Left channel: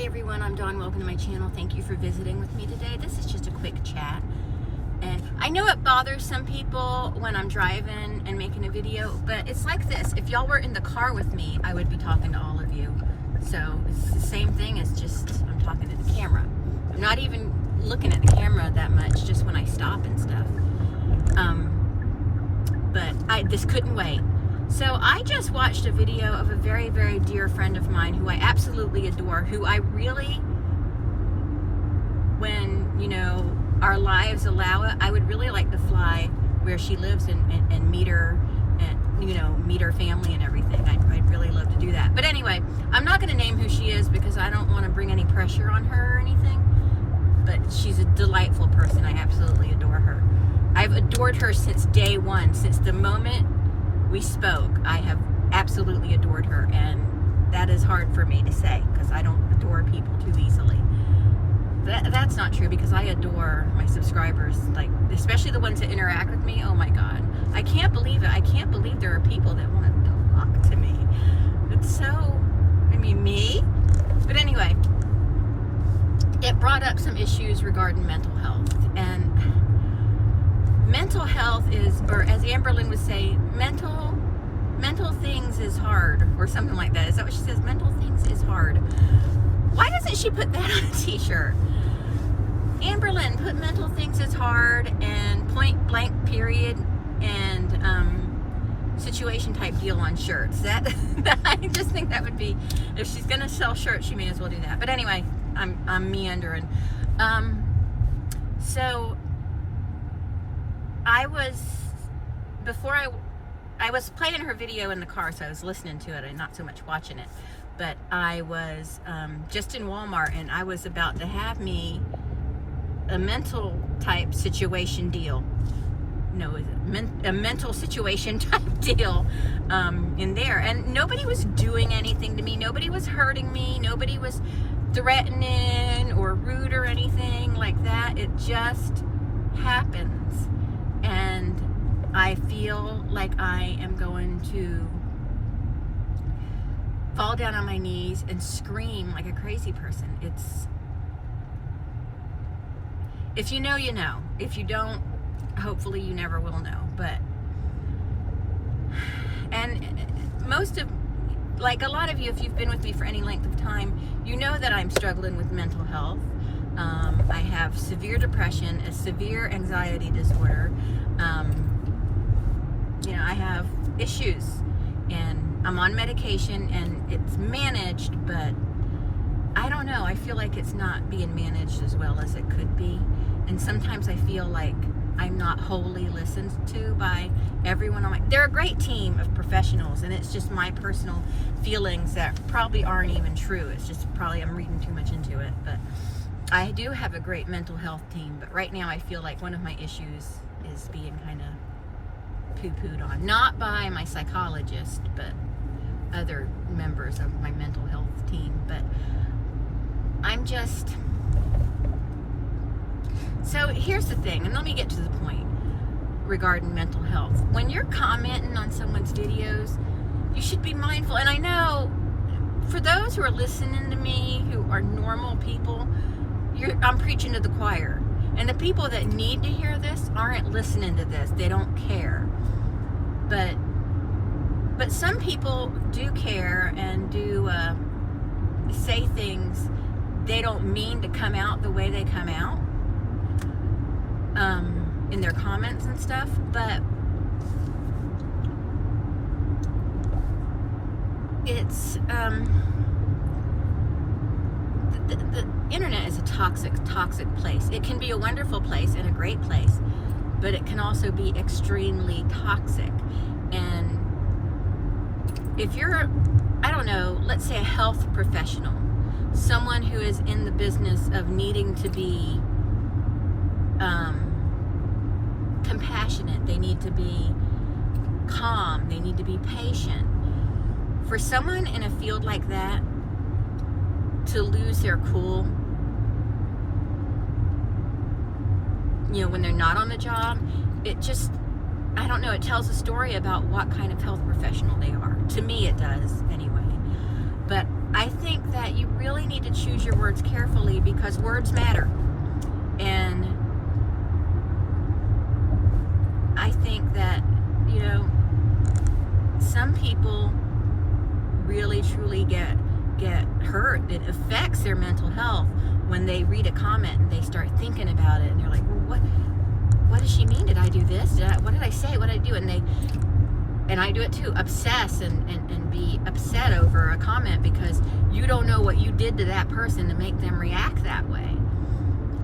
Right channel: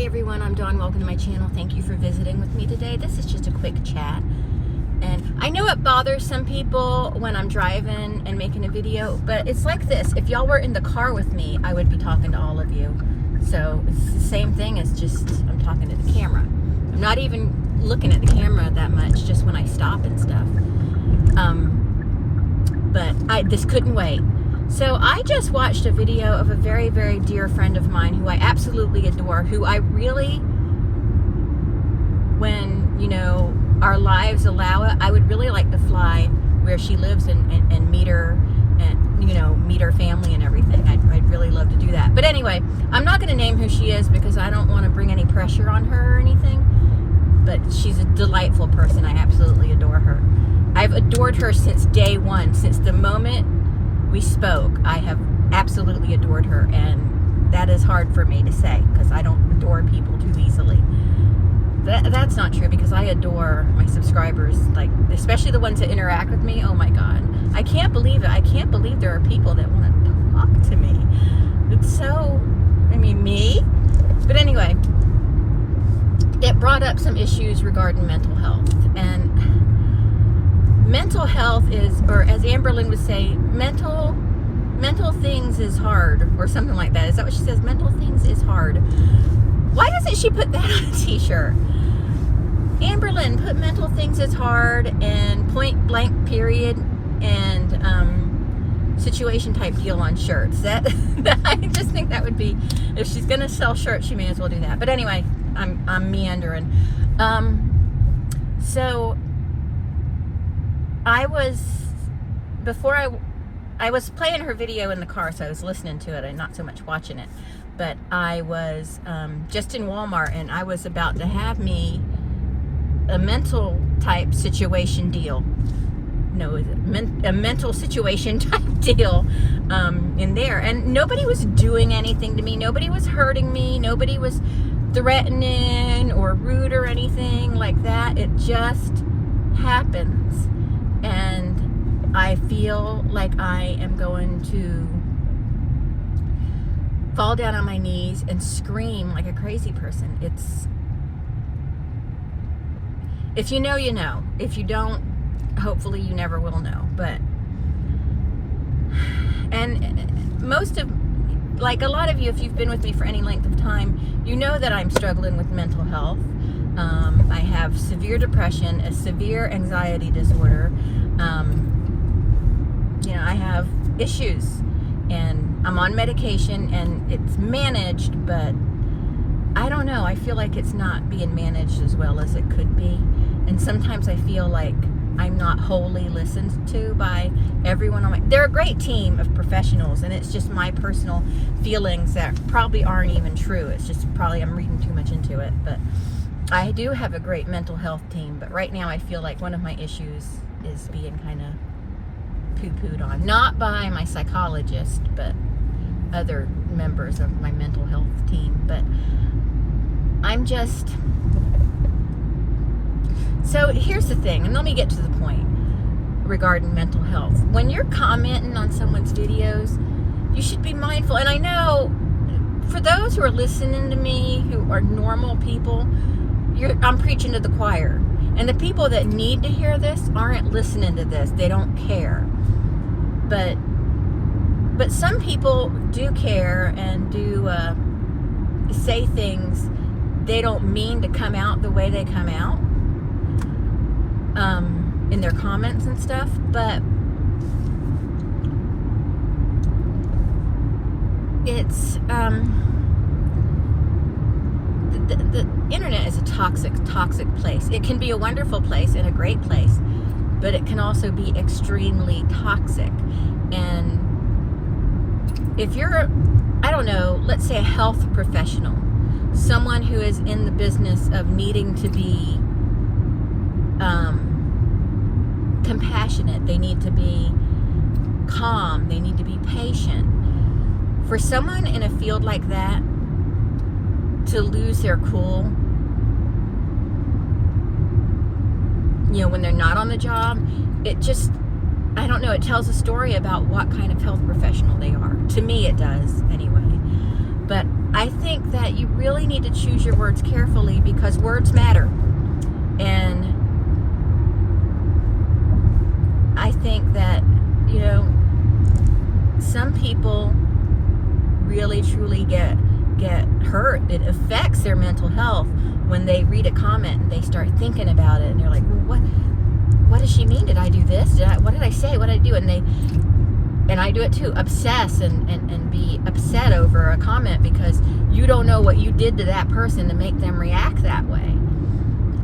Hi everyone, I'm Dawn. Welcome to my channel. Thank you for visiting with me today. This is just a quick chat. And I know it bothers some people when I'm driving and making a video, but it's like this. If y'all were in the car with me, I would be talking to all of you. So it's the same thing as just I'm talking to the camera. I'm not even looking at the camera that much, just when I stop and stuff. But this couldn't wait. So I just watched a video of a very, very dear friend of mine who I absolutely adore, who I really, when, you know, our lives allow it, I would really like to fly where she lives and meet her and, you know, meet her family and everything. I'd really love to do that. But anyway, I'm not going to name who she is because I don't want to bring any pressure on her or anything. But she's a delightful person. I absolutely adore her. I've adored her since day one, since the moment we spoke. I have absolutely adored her, and that is hard for me to say because I don't adore people too easily. That's not true because I adore my subscribers, like especially the ones that interact with me. Oh my God, I can't believe it. I can't believe there are people that want to talk to me. It's so, I mean, me. But anyway, it brought up some issues regarding mental health, and mental health is, or as Amberlynn would say, mental things is hard, or something like that. Is that what she says? Mental things is hard. Why doesn't she put that on a t-shirt? Amberlynn, put mental things is hard and point blank period and situation type deal on shirts. That I just think that would be, if she's gonna sell shirts, she may as well do that. But anyway, I'm meandering. So I was playing her video in the car, so I was listening to it and not so much watching it. But I was just in Walmart, and I was about to have me a mental type situation deal. No, a mental situation type deal in there. And nobody was doing anything to me. Nobody was hurting me. Nobody was threatening or rude or anything like that. It just happens. And I feel like I am going to fall down on my knees and scream like a crazy person. It's, if you know, you know. If you don't, hopefully you never will know. But, and most of, like a lot of you, if you've been with me for any length of time, you know that I'm struggling with mental health. I have severe depression, a severe anxiety disorder. You know, I have issues, and I'm on medication, and it's managed, but I don't know. I feel like it's not being managed as well as it could be. And sometimes I feel like I'm not wholly listened to by everyone on my, they're a great team of professionals, and it's just my personal feelings that probably aren't even true. It's just probably I'm reading too much into it. But I do have a great mental health team, but right now I feel like one of my issues is being kind of poo-pooed on. Not by my psychologist, but other members of my mental health team. But I'm just... So here's the thing, and let me get to the point regarding mental health. When you're commenting on someone's videos, you should be mindful. And I know for those who are listening to me, who are normal people, I'm preaching to the choir. And the people that need to hear this aren't listening to this. They don't care. But some people do care and do say things they don't mean to come out the way they come out in their comments and stuff. But it's the internet is a toxic place. It can be a wonderful place and a great place, but it can also be extremely toxic. And if you're, I don't know, let's say a health professional, someone who is in the business of needing to be compassionate, they need to be calm, they need to be patient. For someone in a field like that to lose their cool, you know, when they're not on the job, it just, I don't know, it tells a story about what kind of health professional they are. To me, it does, anyway. But I think that you really need to choose your words carefully because words matter. And I think that, some people really truly get hurt. It affects their mental health when they read a comment and they start thinking about it and they're like, well, what does she mean? Did I do this? What did I say? What did I do? And I do it too, obsess and be upset over a comment because you don't know what you did to that person to make them react that way.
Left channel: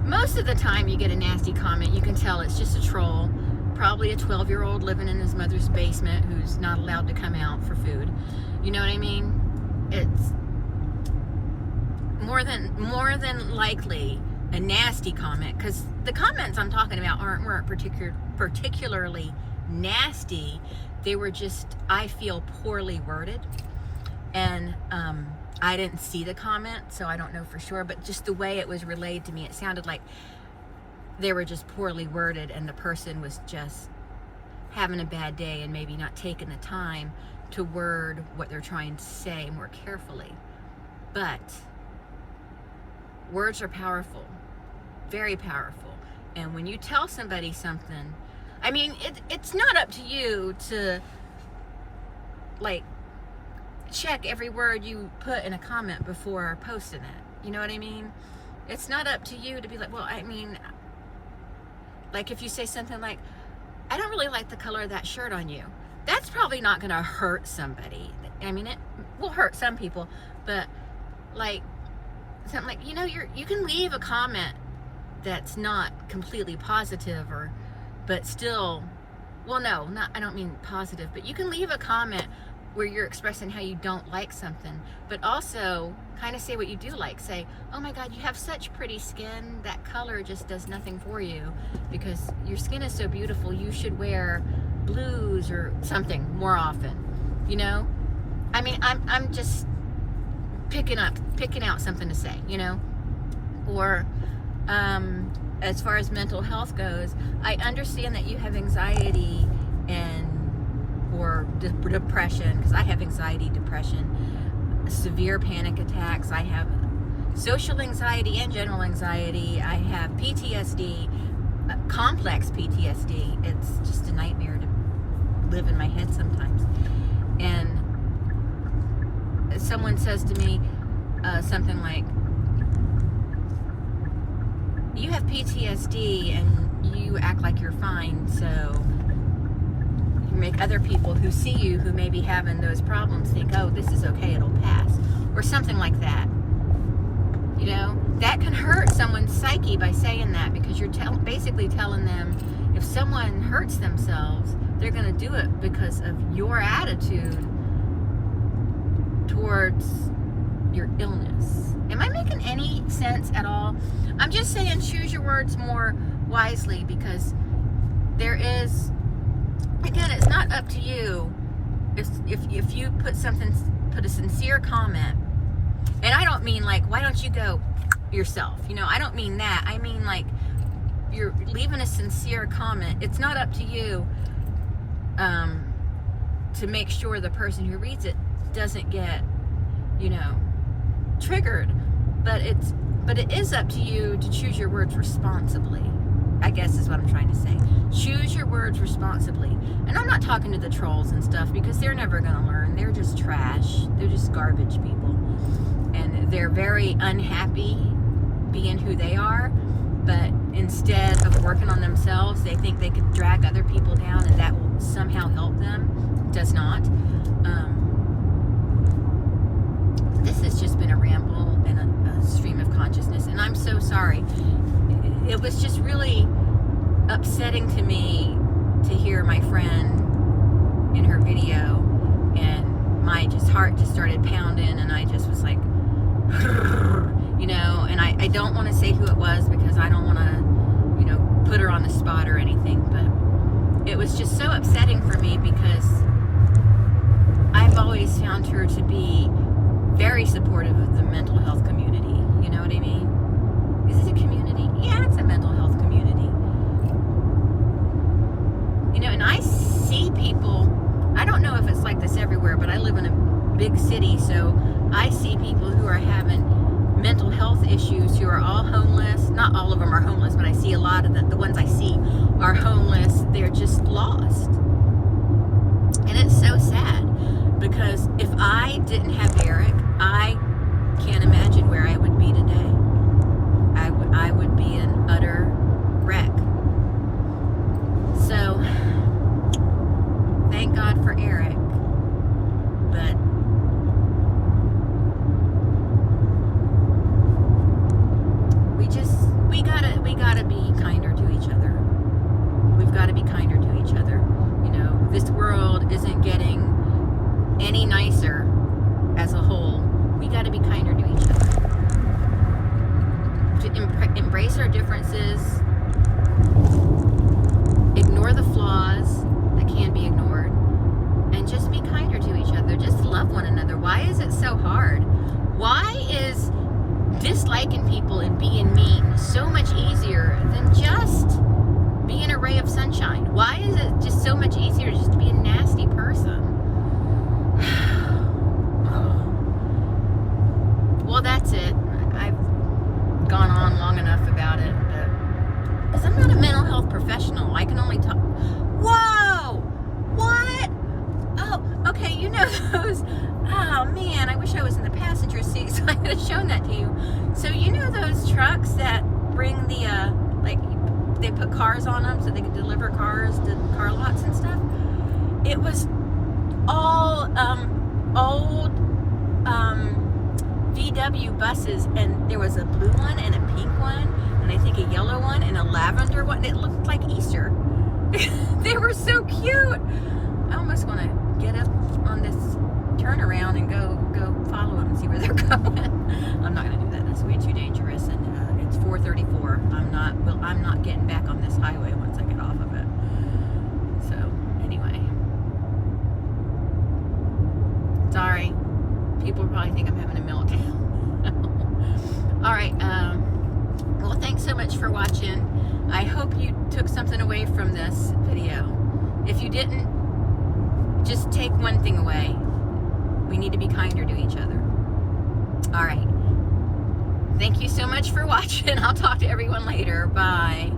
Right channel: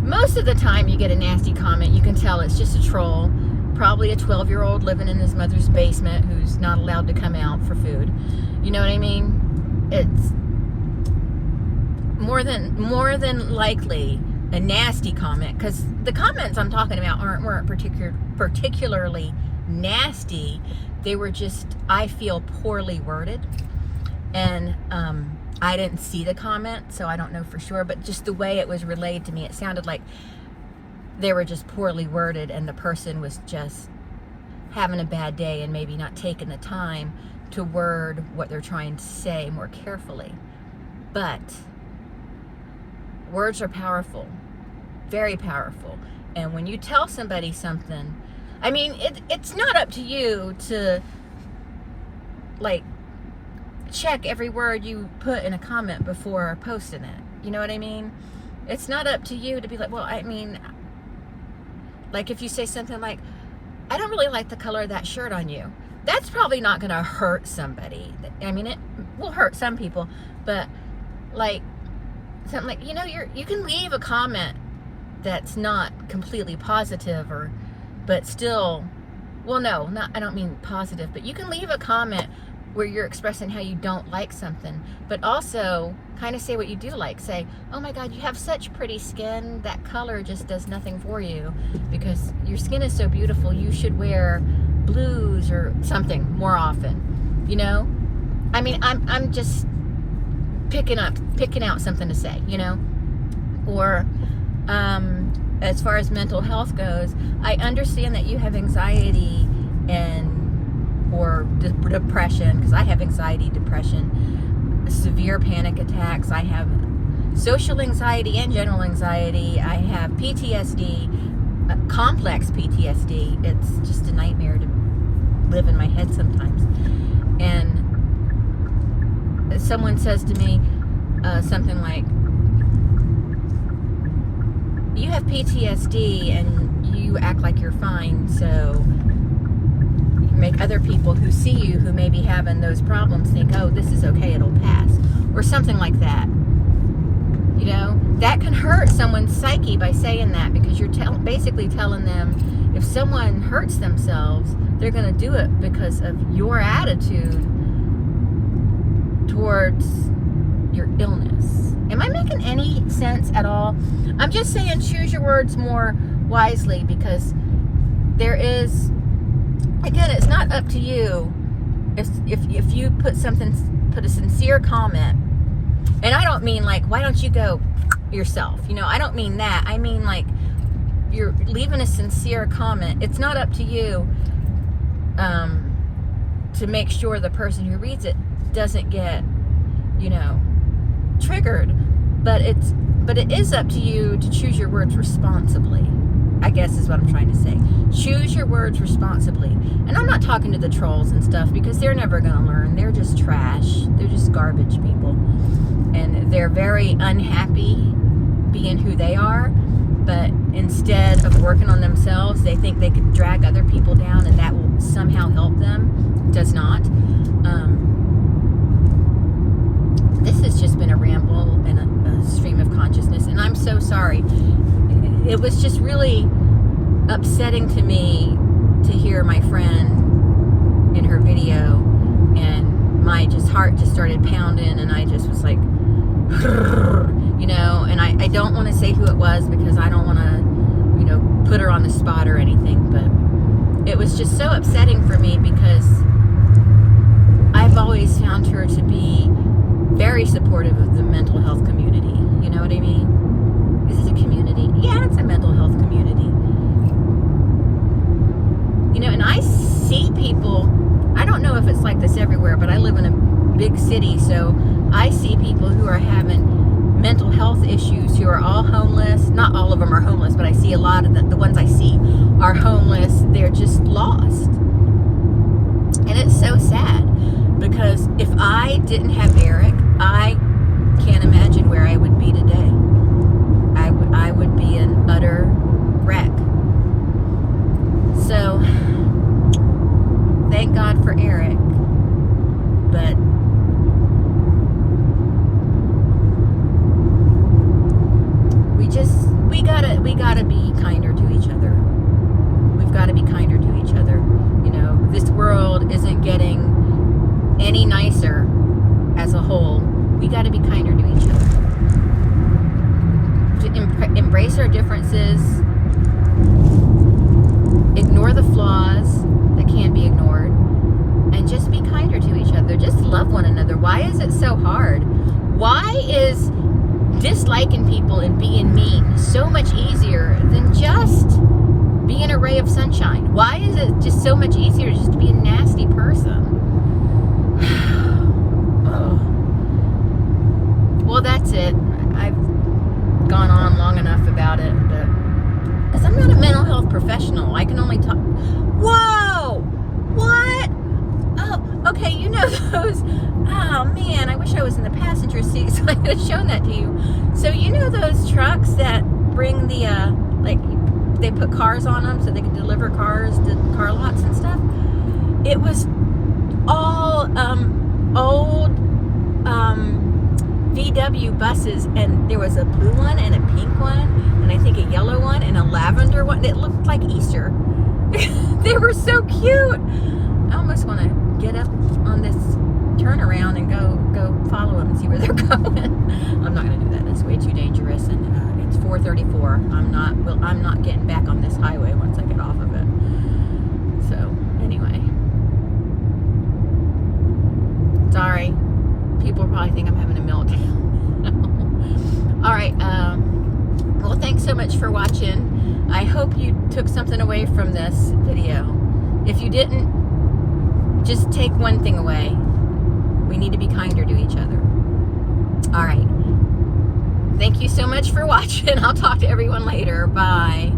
Most of the time you get a nasty comment, you can tell it's just a troll, probably a 12-year-old living in his mother's basement who's not allowed to come out for food. You know what I mean? It's more than likely a nasty comment, because the comments I'm talking about weren't particularly nasty. They were just, I feel, poorly worded. And I didn't see the comment, so I don't know for sure, but just the way it was relayed to me, it sounded like they were just poorly worded and the person was just having a bad day and maybe not taking the time to word what they're trying to say more carefully. But words are powerful, very powerful. And when you tell somebody something, I mean, it's not up to you to, like, check every word you put in a comment before posting it. You know what I mean? It's not up to you to be like, well, I mean, like if you say something like, I don't really like the color of that shirt on you. That's probably not going to hurt somebody. I mean, it will hurt some people, but like something like, you can leave a comment that's not completely positive but still, well, no, I don't mean positive, but you can leave a comment where you're expressing how you don't like something, but also kind of say what you do like. Say, oh my God, you have such pretty skin. That color just does nothing for you because your skin is so beautiful. You should wear blues or something more often. I mean, I'm just picking out something to say, or as far as mental health goes, I understand that you have anxiety or depression, because I have anxiety, depression, severe panic attacks. I have social anxiety and general anxiety. I have PTSD, complex PTSD. It's just a nightmare to live in my head sometimes. And someone says to me something like, you have PTSD and you act like you're fine, so you make other people who see you who may be having those problems think, oh, this is okay, it'll pass, or something like that. That can hurt someone's psyche by saying that, because you're basically telling them if someone hurts themselves, they're going to do it because of your attitude towards your illness. Am I making any sense at all? I'm just saying choose your words more wisely, because there is, again, it's not up to you. If you put a sincere comment, and I don't mean like, why don't you go yourself? I don't mean that. I mean like, you're leaving a sincere comment. It's not up to you to make sure the person who reads it doesn't get, triggered, but it is up to you to choose your words responsibly, I guess is what I'm trying to say. Choose your words responsibly. And I'm not talking to the trolls and stuff, because they're never going to learn. They're just trash. They're just garbage people. And they're very unhappy being who they are, but instead of working on themselves, they think they could drag other people down and that will somehow help them. It does not. This has just been a ramble and a stream of consciousness, and I'm so sorry. It was just really upsetting to me to hear my friend in her video, and my heart just started pounding, and I just was like, and I don't want to say who it was, because I don't want to, put her on the spot or anything, but it was just so upsetting for me, because I've always found her to be very supportive of the mental health community. You know what I mean? Is it a community? Yeah, it's a mental health community. And I see people, I don't know if it's like this everywhere, but I live in a big city, so I see people issues, who are all homeless. Not all of them are homeless, but I see a lot of the ones I see are homeless. They're just lost. And it's so sad, because if I didn't have Eric, I can't imagine where I would be today. I would be an utter wreck. So, thank God for Eric, but we gotta be kinder to each other. We've got to be kinder to each other. You know, this world isn't getting any nicer as a whole. We got to be kinder to each other. To embrace our differences, ignore the flaws that can't be ignored, and just be kinder to each other. Just love one another. Why is it so hard? Why is disliking people and being mean so much easier than just being a ray of sunshine? Why is it just so much easier just to be a nasty person? Well, that's it. I've gone on long enough about it, but because I'm not a mental health professional, I can only talk. Whoa! What? Oh, okay, you know those. Oh man, I wish I was in the passenger seat so I could have shown that to you. So you know those trucks that bring the they put cars on them so they can deliver cars to car lots and stuff? It was all old VW buses, and there was a blue one and a pink one, and I think a yellow one and a lavender one. It looked like Easter. They were so cute. I almost want to get up on this turnaround and go follow them and see where they're going. I'm not going to do that. That's way too dangerous, and it's 4:34. I'm not getting back on this highway once I get off of it. So anyway, sorry. People probably think I'm having a meltdown. All right. Well, thanks so much for watching. I hope you took something away from this video. If you didn't, just take one thing away. We need to be kinder to each other. All right. Thank you so much for watching. I'll talk to everyone later. Bye.